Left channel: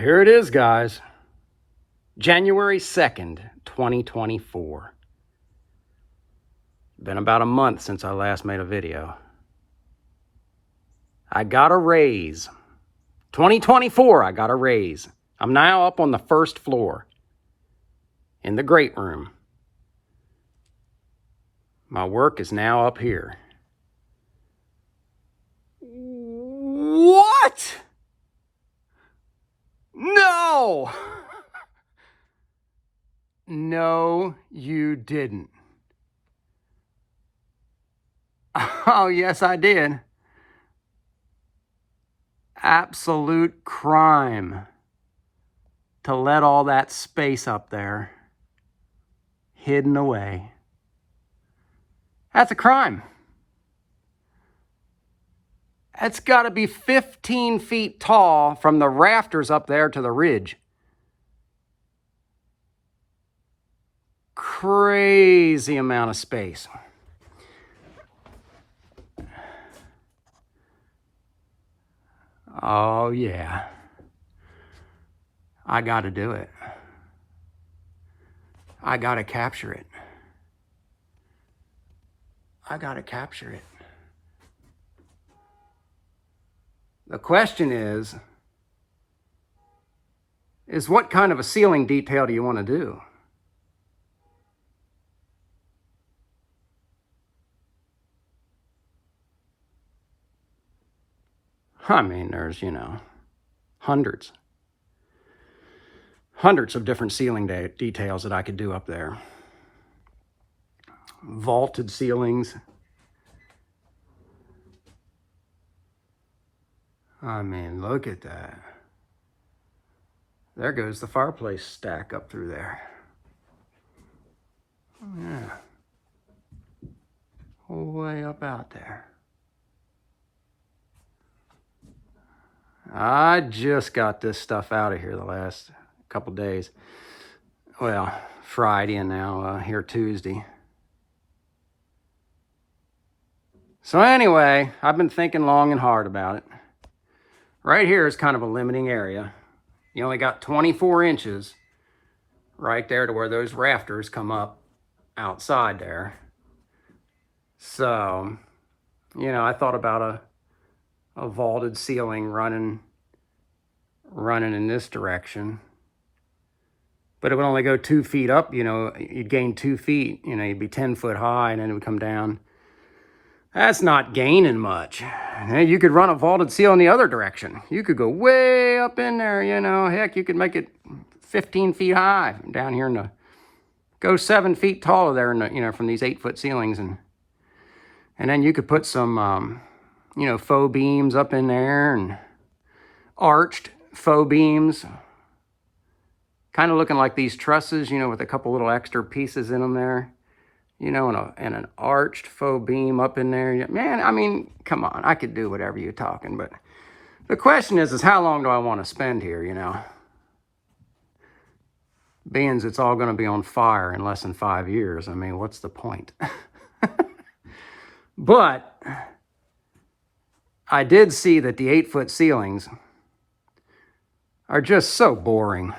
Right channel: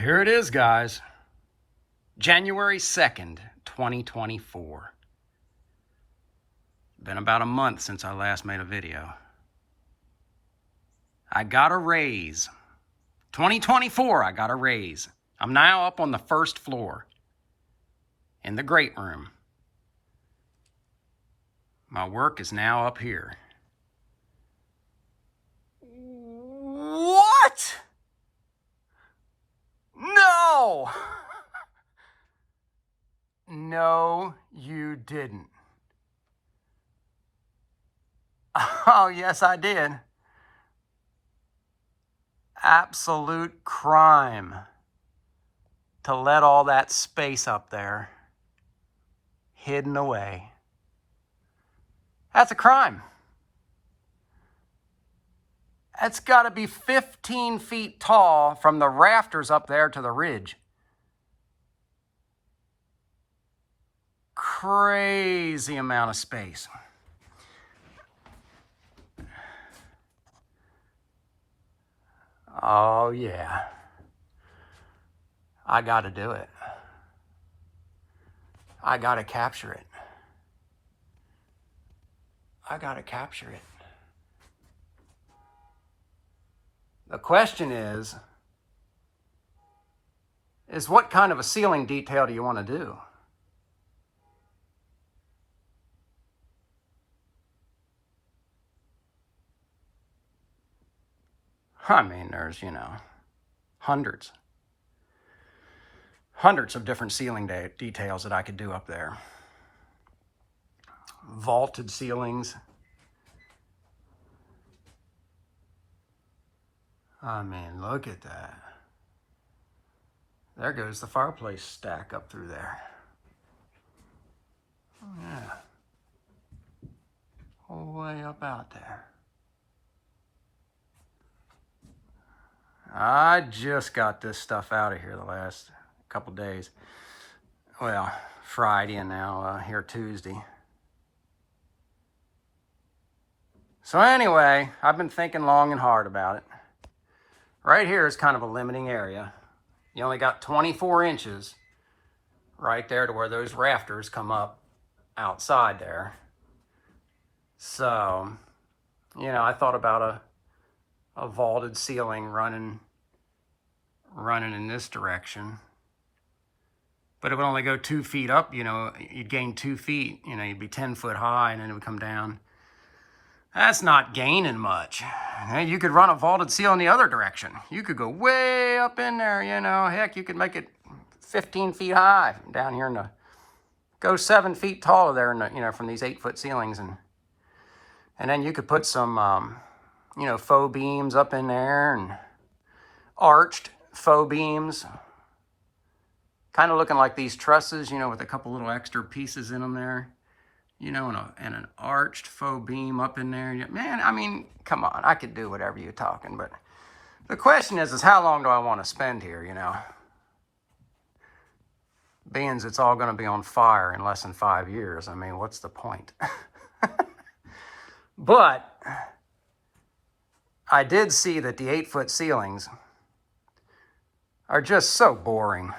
Here it is, guys. January 2nd, 2024. Been about a month since I last made a video. I got a raise. 2024, I got a raise. I'm now up on the first floor in the great room. My work is now up here. What? No! No, you didn't. Oh, yes, I did. Absolute crime to let all that space up there hidden away. That's a crime. It's got to be 15 feet tall from the rafters up there to the ridge. Crazy amount of space. Oh, yeah. I got to do it. I got to capture it. I got to capture it. The question is what kind of a ceiling detail do you want to do? I mean, there's, hundreds of different ceiling details that I could do up there. Vaulted ceilings. I mean, look at that. There goes the fireplace stack up through there. Yeah. Way up out there. I just got this stuff out of here the last couple days. Well, Friday and now here Tuesday. So anyway, I've been thinking long and hard about it. Right here is kind of a limiting area. You only got 24 inches right there to where those rafters come up outside there. So, I thought about a vaulted ceiling running in this direction. But it would only go 2 feet up, you'd gain 2 feet, you'd be 10 foot high and then it would come down. That's not gaining much. You could run a vaulted ceiling the other direction. You could go way up in there, heck, you could make it 15 feet high down here go 7 feet taller there in from these 8-foot ceilings. And then you could put some, faux beams up in there and arched faux beams. Kind of looking like these trusses, with a couple little extra pieces in them there. And an arched faux beam up in there. Man, I mean, come on, I could do whatever you're talking, but the question is how long do I want to spend here, Being it's all going to be on fire in less than 5 years. I mean, what's the point? But I did see that the 8-foot ceilings are just so boring.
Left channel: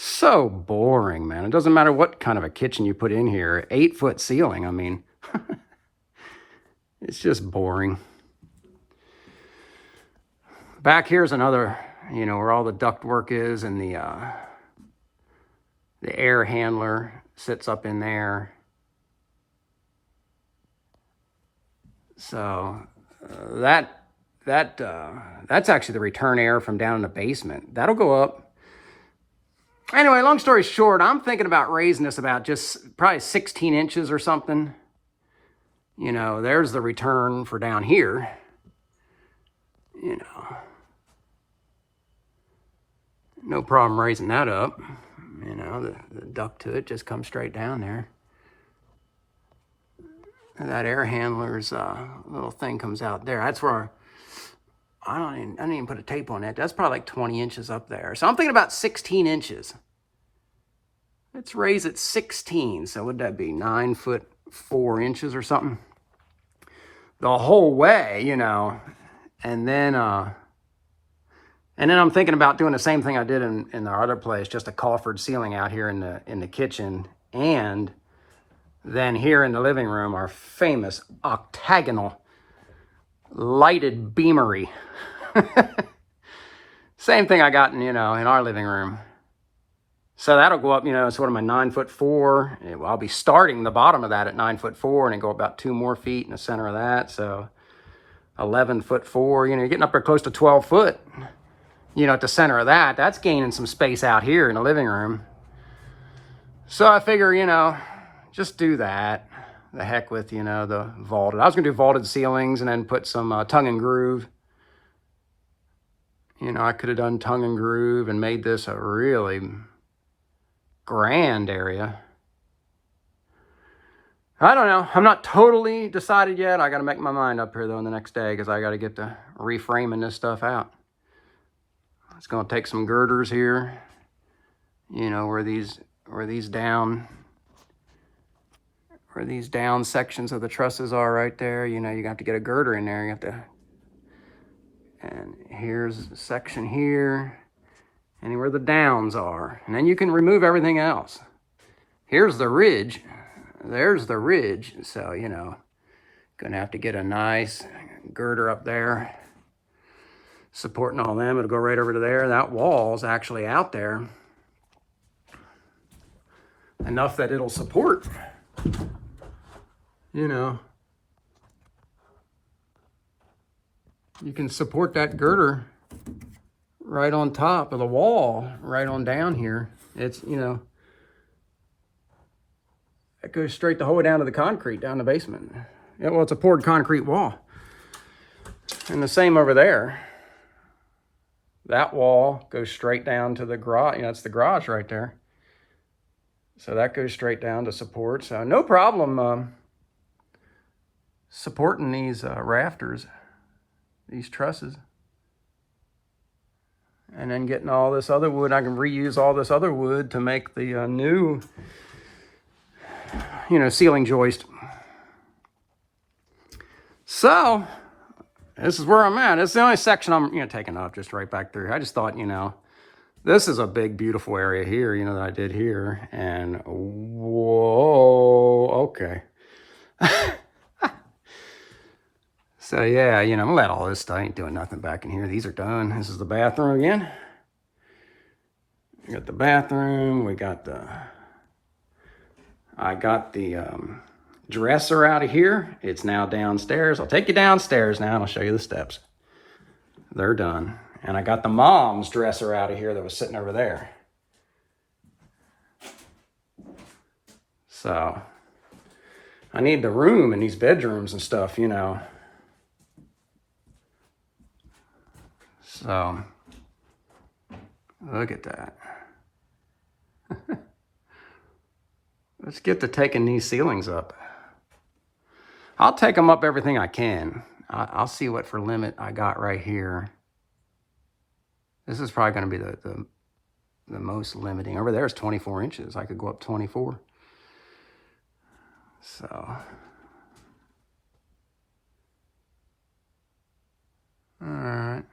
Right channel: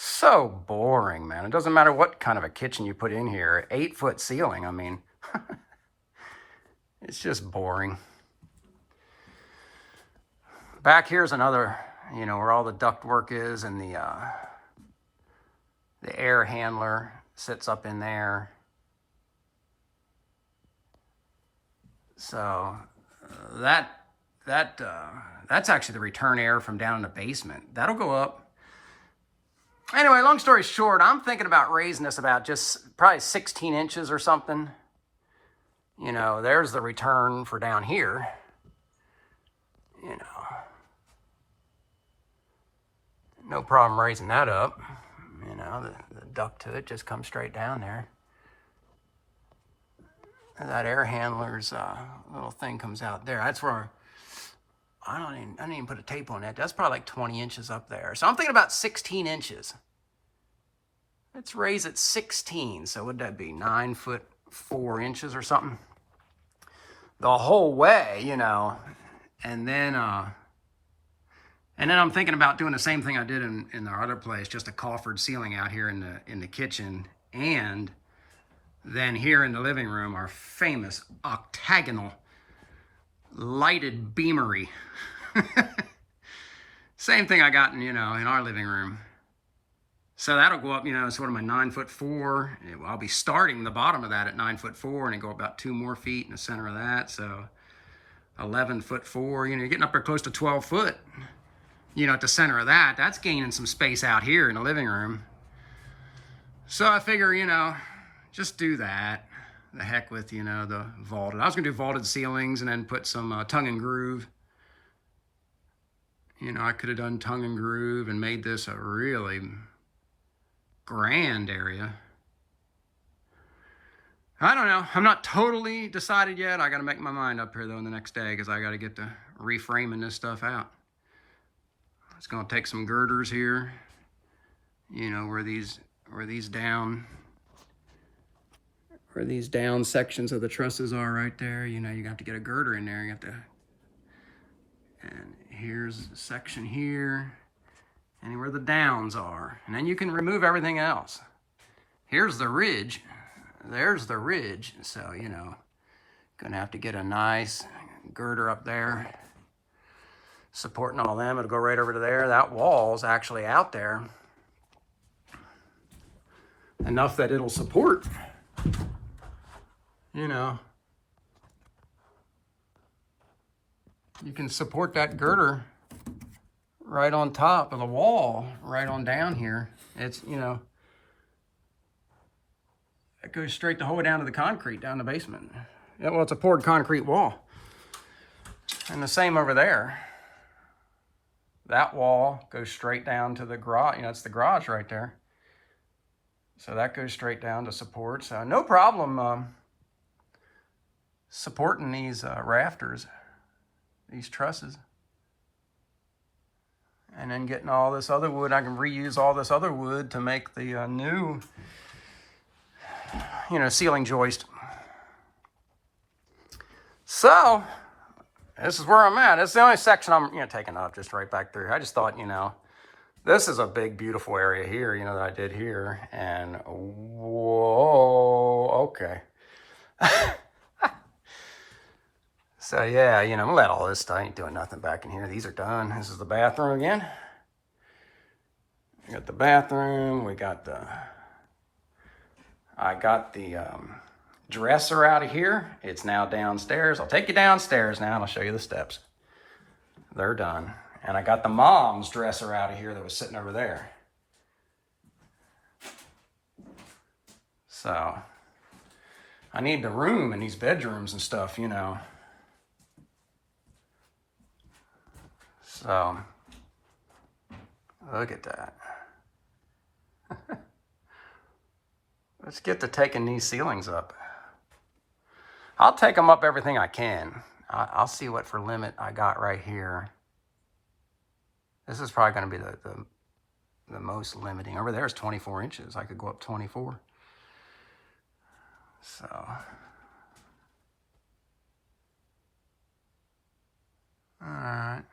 So boring, man. It doesn't matter what kind of a kitchen you put in here. 8-foot ceiling, I mean, it's just boring. Back here's another, where all the ductwork is, and the air handler sits up in there. So that's actually the return air from down in the basement. That'll go up. Anyway, long story short, I'm thinking about raising this about just probably 16 inches or something. There's the return for down here. No problem raising that up. The duct to it just comes straight down there. And that air handler's little thing comes out there. That's where I didn't even put a tape on it. That's probably like 20 inches up there. So I'm thinking about 16 inches. Let's raise it 16. So would that be 9 foot 4 inches or something? The whole way, And then And then I'm thinking about doing the same thing I did in our other place, just a coffered ceiling out here in the kitchen. And then here in the living room, our famous octagonal lighted beamery. Same thing I got in, in our living room. So that'll go up, sort of my 9'4". I'll be starting the bottom of that at 9'4", and then go about 2 more feet in the center of that. So 11'4". You're getting up there close to 12 foot. At the center of that, that's gaining some space out here in the living room. So I figure, just do that. The heck with, the vaulted. I was gonna do vaulted ceilings and then put some tongue and groove. I could have done tongue and groove and made this a really grand area. I don't know. I'm not totally decided yet. I got to make my mind up here, though, in the next day because I got to get to reframing this stuff out. It's going to take some girders here, where these down sections of the trusses are right there. You have to get a girder in there. You have to, and here's a section here, and where the downs are, and then you can remove everything else. Here's the ridge. There's the ridge. So, gonna have to get a nice girder up there, supporting all them. It'll go right over to there. That wall's actually out there enough that it'll support, you can support that girder right on top of the wall, right on down here. It's, it goes straight the whole way down to the concrete, down the basement. Yeah, well, it's a poured concrete wall. And the same over there. That wall goes straight down to the garage. It's the garage right there. So that goes straight down to support. So no problem supporting these rafters, these trusses. And then getting all this other wood. I can reuse all this other wood to make the new, ceiling joist. So this is where I'm at. It's the only section I'm, taking off just right back through. I just thought, this is a big, beautiful area here, that I did here. And whoa, okay. So yeah, I'm gonna let all this stuff, I ain't doing nothing back in here. These are done. This is the bathroom again. We got the bathroom, I got the dresser out of here. It's now downstairs. I'll take you downstairs now. I'll show you the steps. They're done. And I got the mom's dresser out of here that was sitting over there. So I need the room in these bedrooms and stuff, So look at that. Let's get to taking these ceilings up. I'll take them up everything I can. I'll see what for limit I got right here. This is probably going to be the most limiting. Over there is 24 inches. I could go up 24. So. All right.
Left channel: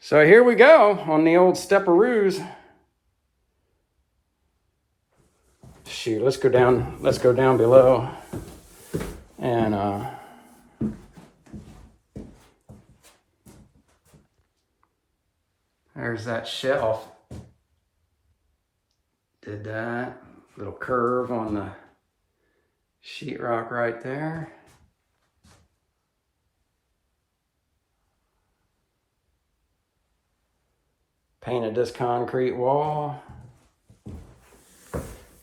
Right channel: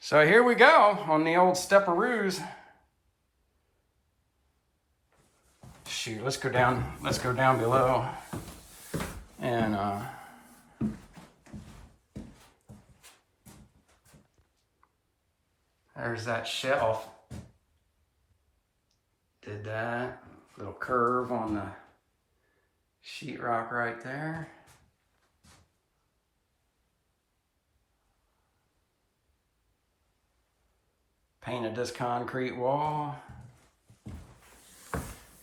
So here we go on the old stepperoos. Shoot, let's go down below. And there's that shelf. Did that little curve on the sheetrock right there. Painted this concrete wall.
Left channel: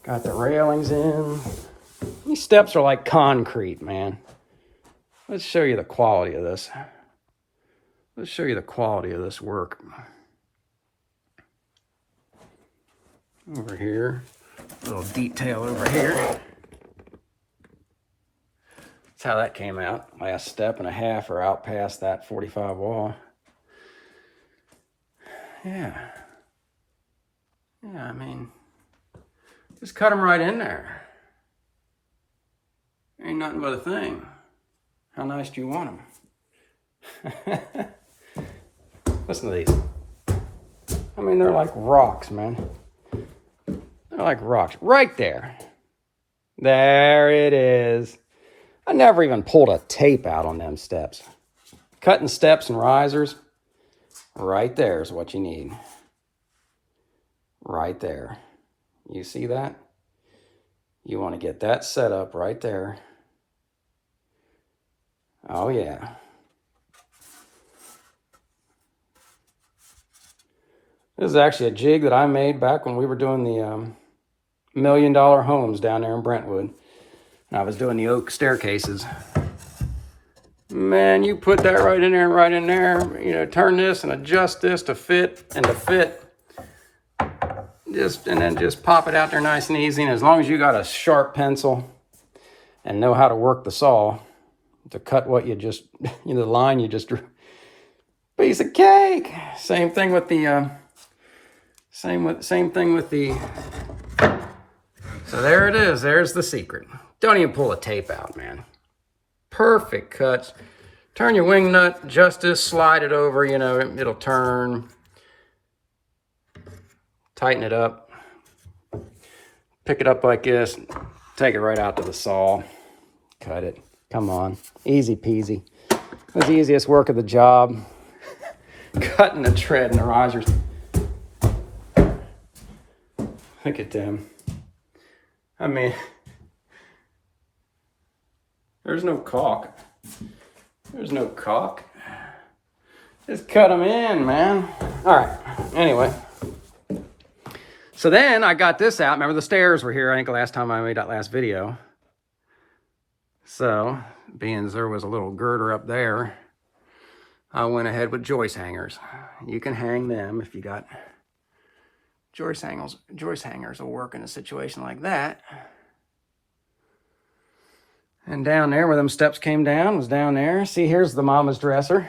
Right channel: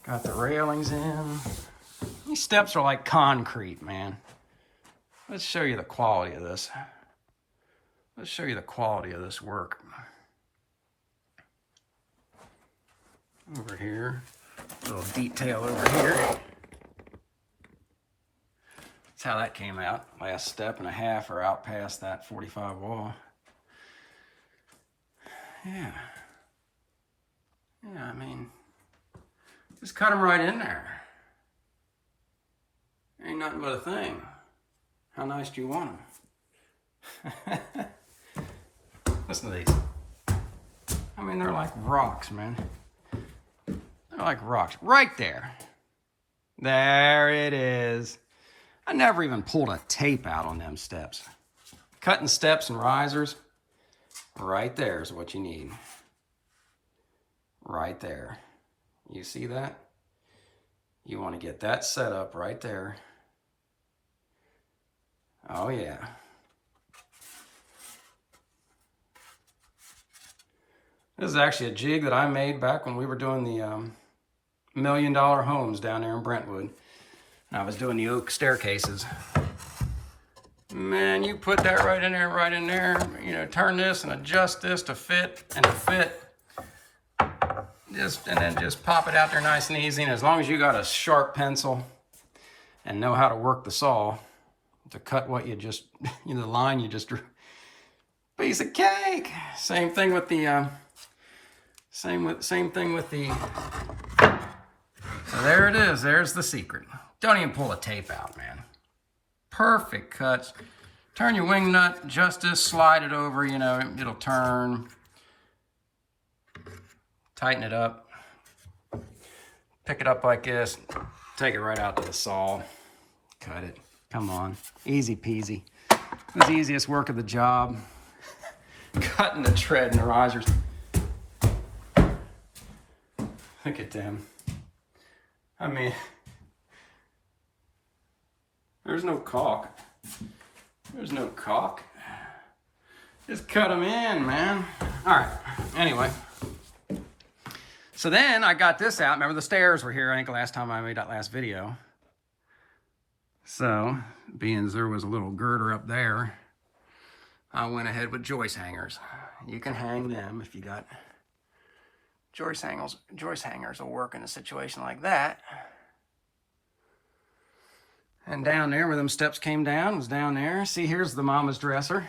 Got the railings in. These steps are like concrete, man. Let's show you the quality of this. Let's show you the quality of this work. Over here, a little detail over here. That's how that came out. Last step and a half or out past that 45 wall. Yeah. Yeah, I mean, just cut them right in there. Ain't nothing but a thing. How nice do you want them? Listen to these. I mean, they're like rocks, man. They're like rocks. Right there. There it is. I never even pulled a tape out on them steps. Cutting steps and risers, right there is what you need. Right there. You see that? You want to get that set up right there. Oh yeah. This is actually a jig that I made back when we were doing the $1 million homes down there in Brentwood. And I was doing the oak staircases. Man, you put that right in there, you know, turn this and adjust this to fit and to fit. And then just pop it out there nice and easy. And as long as you got a sharp pencil and know how to work the saw to cut what you just, you know, the line you just drew, piece of cake. Same thing with the, same thing with the, so there it is. There's the secret. Don't even pull a tape out, man. Perfect cuts. Turn your wing nut just this, slide it over, you know, it'll turn. Tighten it up. Pick it up like this. Take it right out to the saw. Cut it. Come on. Easy peasy. It was the easiest work of the job. Cutting the tread and the risers. Look at them. I mean, there's no caulk. There's no caulk. Just cut them in, man. All right. Anyway. So then I got this out. Remember the stairs were here, I think the last time I made that last video. So, being as there was a little girder up there, I went ahead with joist hangers. You can hang them if you got joist hangers. Joist hangers will work in a situation like that. And down there where them steps came down was down there. See, here's the mama's dresser.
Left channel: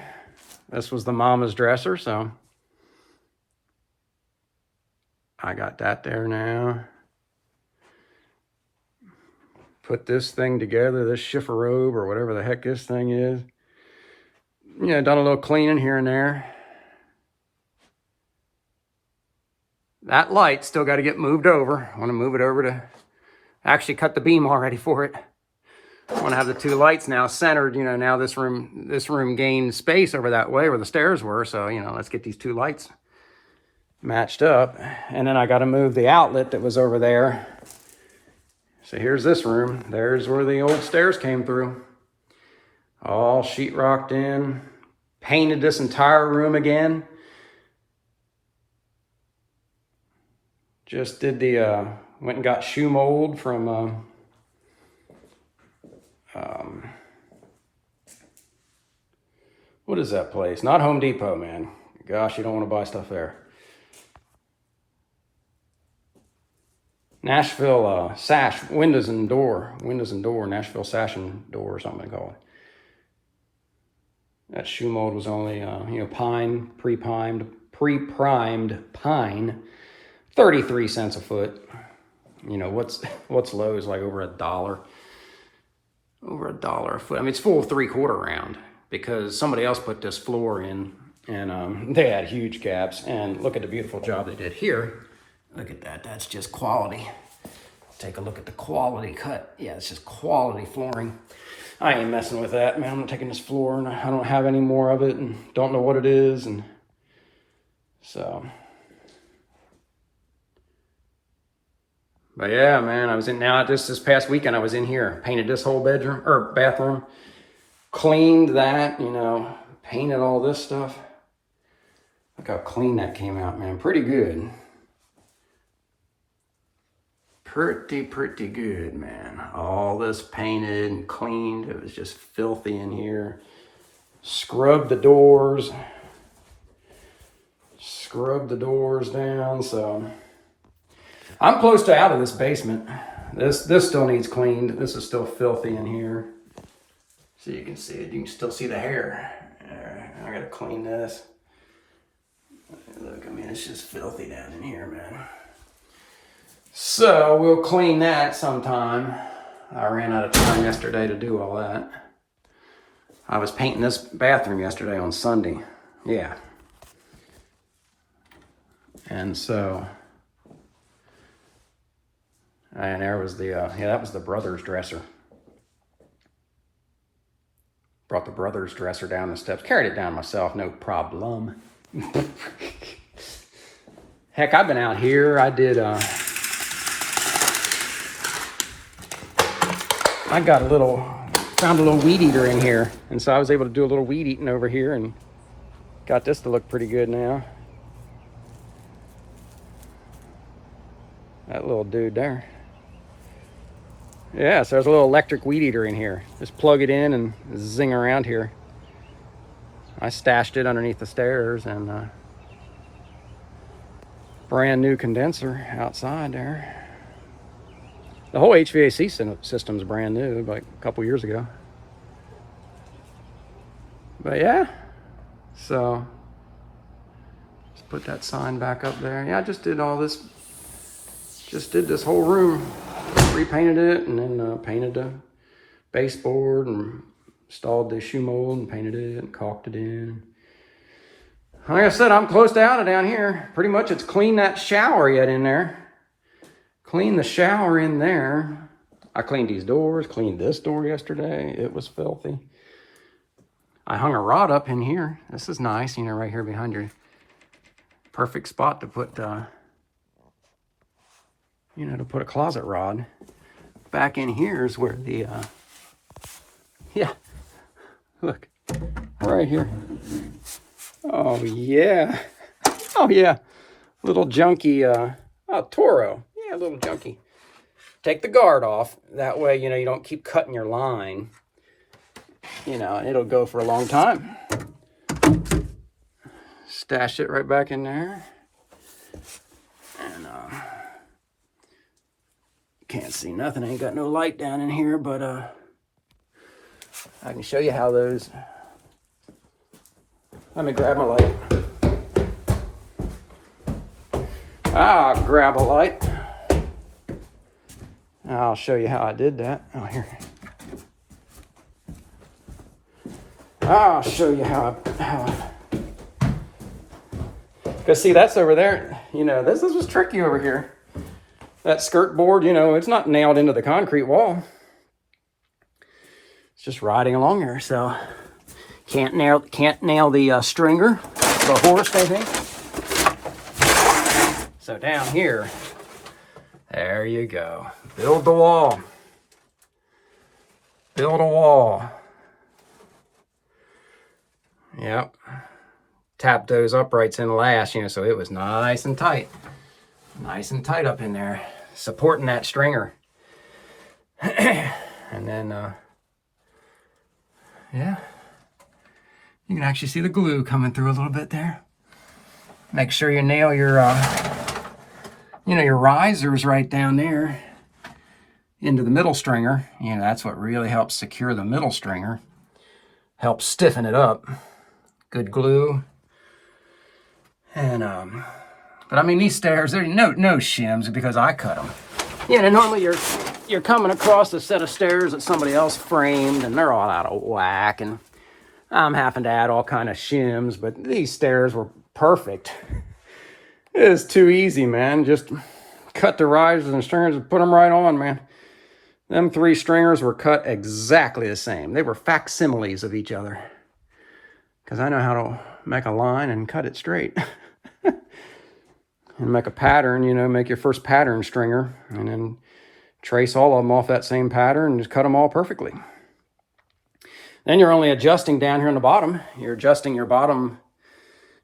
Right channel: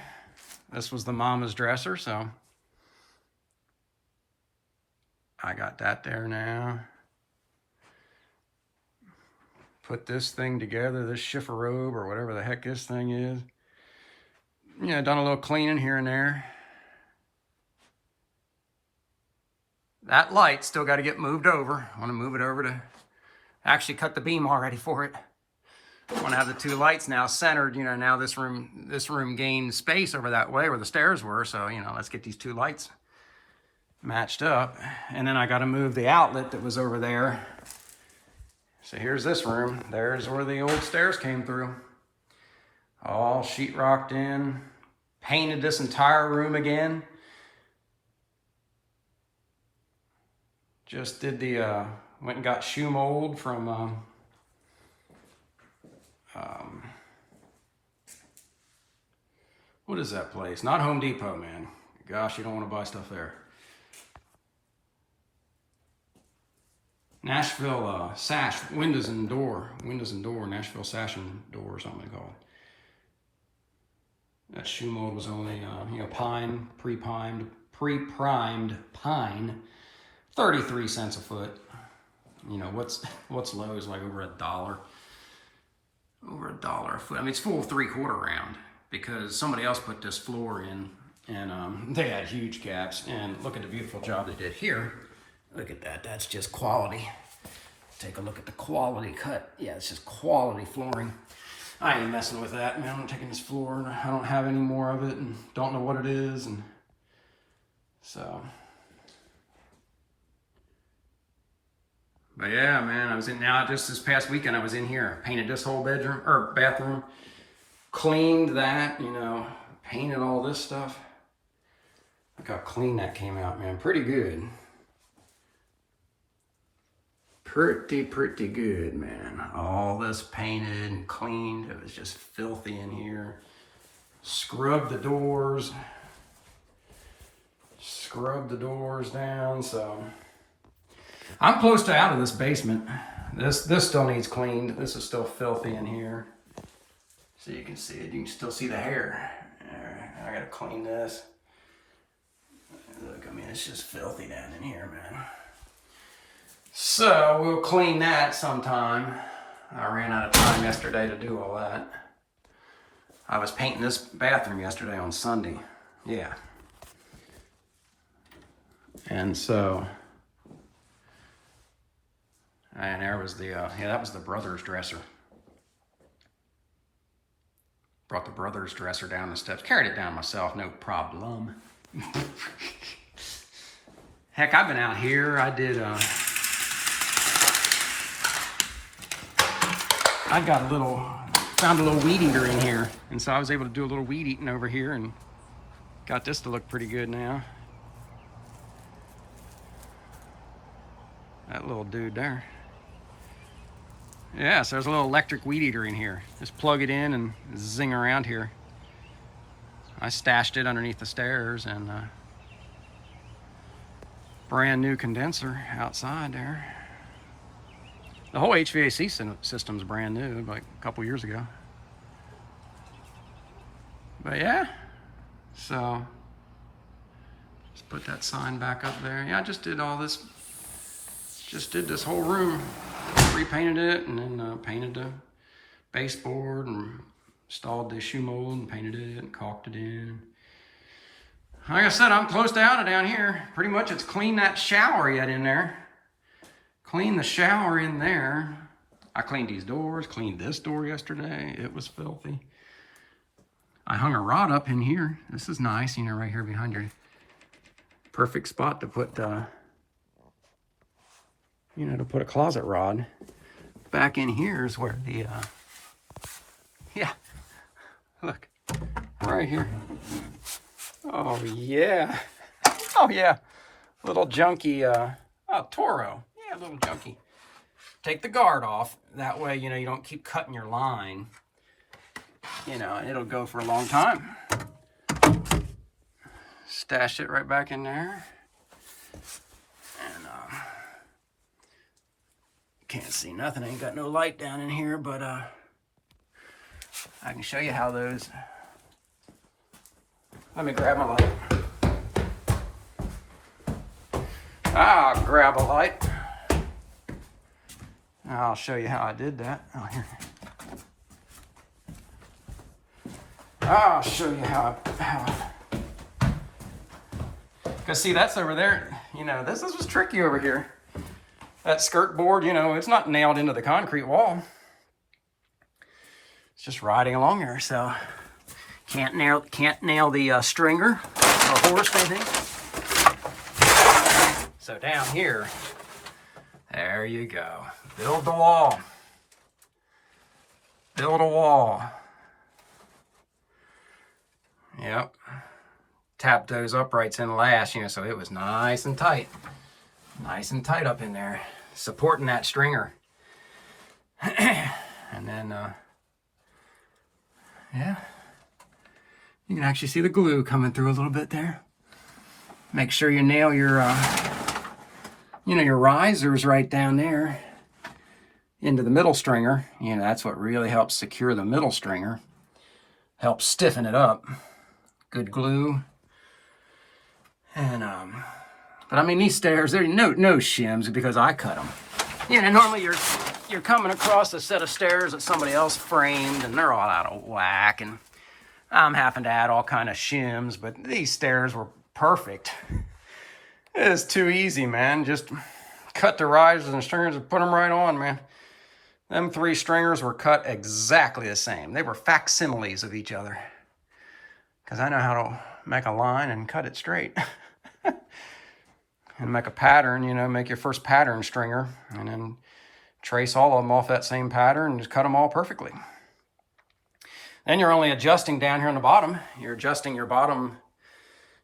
This was the mama's dresser, so I got that there now. Put this thing together, this chifforobe or whatever the heck this thing is. Yeah, done a little cleaning here and there. That light still got to get moved over. I want to move it over to actually cut the beam already for it. I want to have the two lights now centered. You know, now this room gained space over that way where the stairs were. So, you know, let's get these two lights matched up. And then I got to move the outlet that was over there. So here's this room. There's where the old stairs came through. All sheetrocked in. Painted this entire room again. Just did the, went and got shoe mold from, what is that place? Not Home Depot, man. Gosh, you don't want to buy stuff there. Nashville sash, windows and door, Nashville sash and door or something they call it. That shoe mold was only, you know, pine, pre-primed pine, 33 cents a foot. You know, what's low is like over $1. Over $1 a foot. I mean, it's full 3/4 round because somebody else put this floor in and they had huge gaps. And look at the beautiful job they did here. Look at that, that's just quality. Take a look at the quality cut. Yeah, it's just quality flooring. I ain't messing with that, man. I'm taking this floor and I don't have any more of it and don't know what it is. And so, but yeah, man, I was in now just this past weekend, I was in here, painted this whole bedroom or bathroom, cleaned that, you know, painted all this stuff. Look how clean that came out, man. Pretty good. Pretty good, man. All this painted and cleaned. It was just filthy in here. Scrubbed the doors. Scrubbed the doors down, so I'm close to out of this basement. This still needs cleaned. This is still filthy in here. So you can see it. You can still see the hair. I gotta clean this. Look, I mean, it's just filthy down in here, man. So we'll clean that sometime. I ran out of time yesterday to do all that. I was painting this bathroom yesterday on Sunday. Yeah. And so, and there was the, yeah, that was the brother's dresser. Brought the brother's dresser down the steps. Carried it down myself, no problem. Heck, I've been out here. I did, I got found a little weed eater in here. And so I was able to do a little weed eating over here and got this to look pretty good now. That little dude there. Yeah, so there's a little electric weed eater in here. Just plug it in and zing around here. I stashed it underneath the stairs, and brand new condenser outside there. The whole HVAC system's brand new, like a couple years ago. But yeah, so let's put that sign back up there. Yeah, I just did all this. Just did this whole room, repainted it, and then painted the baseboard and installed the shoe mold and painted it and caulked it in. Like I said, I'm close to out of down here. Pretty much it's cleaned that shower yet in there. Cleaned the shower in there. I cleaned these doors, cleaned this door yesterday. It was filthy. I hung a rod up in here. This is nice, you know, right here behind your perfect spot to put, you know, to put a closet rod. Back in here is where the, yeah, look, right here. Oh, yeah. Oh, yeah. Little junky, oh, Toro. Yeah, little junky. Take the guard off. That way, you know, you don't keep cutting your line. You know, it'll go for a long time. Stash it right back in there. And, can't see nothing. Ain't got no light down in here, but, I can show you how those... Let me grab my light. I'll grab a light. I'll show you how I did that. Oh, here. I'll show you how because see, that's over there. You know, this was tricky over here. That skirt board, you know, it's not nailed into the concrete wall. It's just riding along here, so can't nail the stringer. The horse, I think. So down here, there you go. Build the wall. Build a wall. Yep. Tap those uprights in last, you know, so it was nice and tight. Nice and tight up in there. Supporting that stringer. And then, yeah. You can actually see the glue coming through a little bit there. Make sure you nail your, you know, your risers right down there into the middle stringer. You know, that's what really helps secure the middle stringer. Helps stiffen it up. Good glue. And, but I mean, these stairs, there's no shims because I cut them. You know, normally you're coming across a set of stairs that somebody else framed and they're all out of whack, and I'm having to add all kind of shims, but these stairs were perfect. It's too easy, man. Just cut the risers and stringers and put them right on, man. Them 3 stringers were cut exactly the same. They were facsimiles of each other. Because I know how to make a line and cut it straight. And make a pattern, you know, make your first pattern stringer. And then trace all of them off that same pattern and just cut them all perfectly. Then you're only adjusting down here in the bottom. You're adjusting your bottom,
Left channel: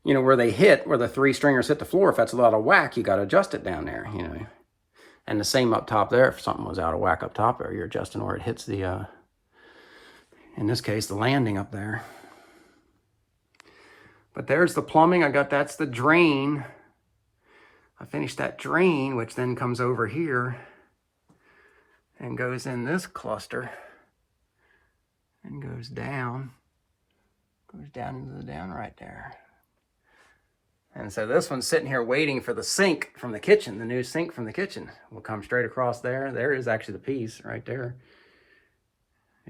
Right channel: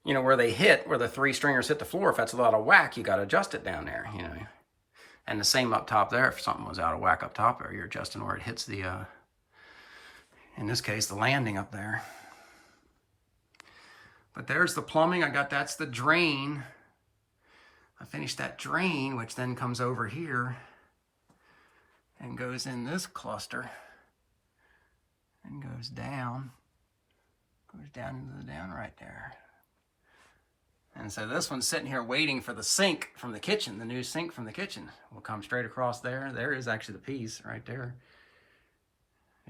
you know, where they hit, where the 3 stringers hit the floor. If that's a lot of whack, you got to adjust it down there, you know. And the same up top there. If something was out of whack up top there, you're adjusting where it hits the, in this case, the landing up there. But there's the plumbing. that's the drain. I finished that drain, which then comes over here and goes in this cluster and goes down into the down right there. And so this one's sitting here waiting for the sink from the kitchen, the new sink from the kitchen. Will come straight across there. There is actually the piece right there.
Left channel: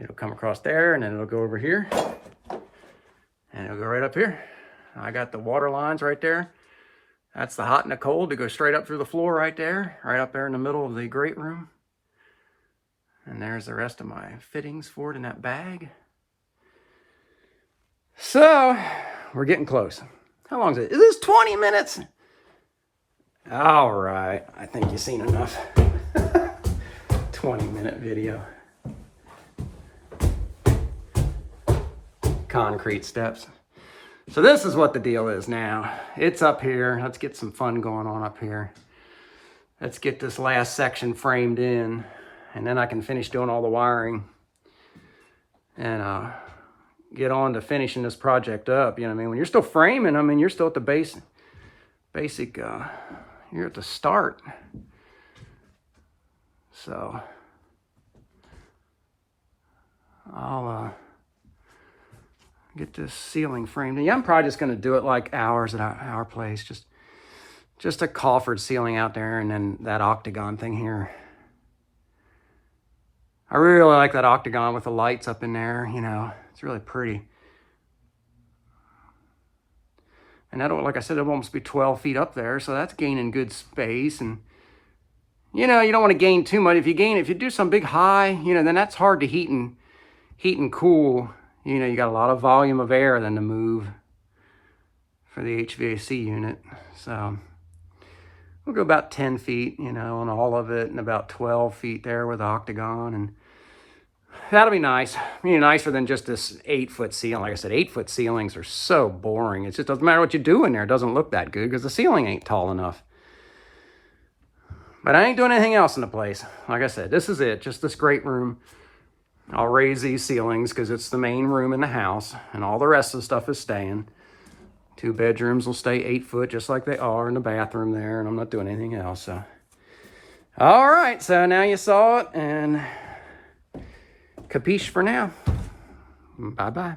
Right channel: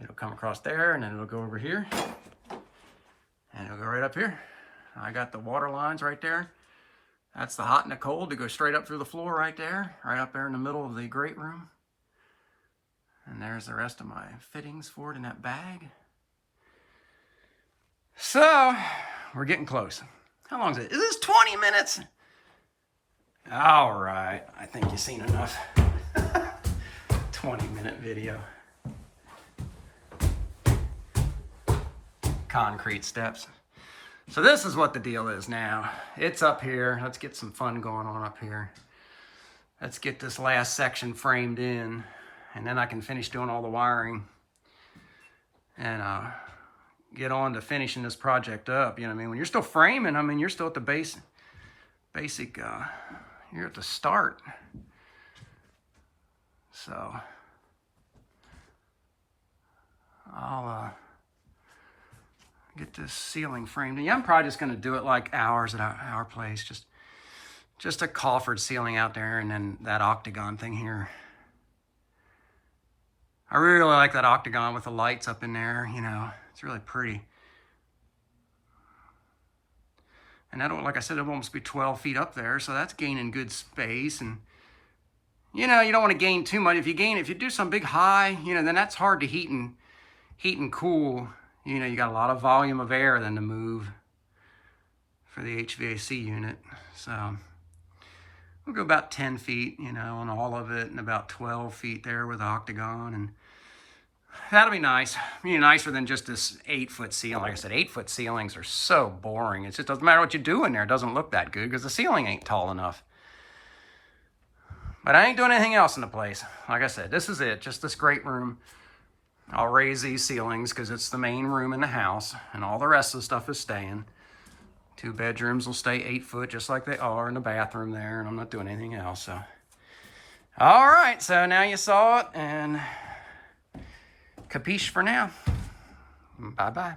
It'll come across there, and then it'll go over here, and it'll go right up here. I got the water lines right there. That's the hot and the cold to go straight up through the floor right there, right up there in the middle of the great room. And there's the rest of my fittings for it in that bag. So, we're getting close. How long is it? Is this 20 minutes? All right, I think you've seen enough. 20-minute video. Concrete steps. So this is what the deal is now. It's up here. Let's get some fun going on up here. Let's get this last section framed in, and then I can finish doing all the wiring and get on to finishing this project up. You know what I mean? When you're still framing, I mean, you're still at the basic, you're at the start. So I'll get this ceiling framed. Yeah, I'm probably just going to do it like ours at our place. Just a coffered ceiling out there, and then that octagon thing here. I really like that octagon with the lights up in there. You know, it's really pretty. And that'll, like I said, it'll almost be 12 feet up there, so that's gaining good space. And you know, you don't want to gain too much. If you do some big high, you know, then that's hard to heat and cool. You know, you got a lot of volume of air then to move for the HVAC unit. So we'll go about 10 feet, you know, on all of it, and about 12 feet there with the octagon. And that'll be nice. You know, nicer than just this 8-foot ceiling. Like I said, 8-foot ceilings are so boring. It just doesn't matter what you do in there. It doesn't look that good because the ceiling ain't tall enough. But I ain't doing anything else in the place. Like I said, this is it. Just this great room. I'll raise these ceilings because it's the main room in the house, and all the rest of the stuff is staying. 2 bedrooms will stay 8 foot just like they are in the bathroom there, and I'm not doing anything else. So, all right, so now you saw it, and capiche for now. Bye-bye.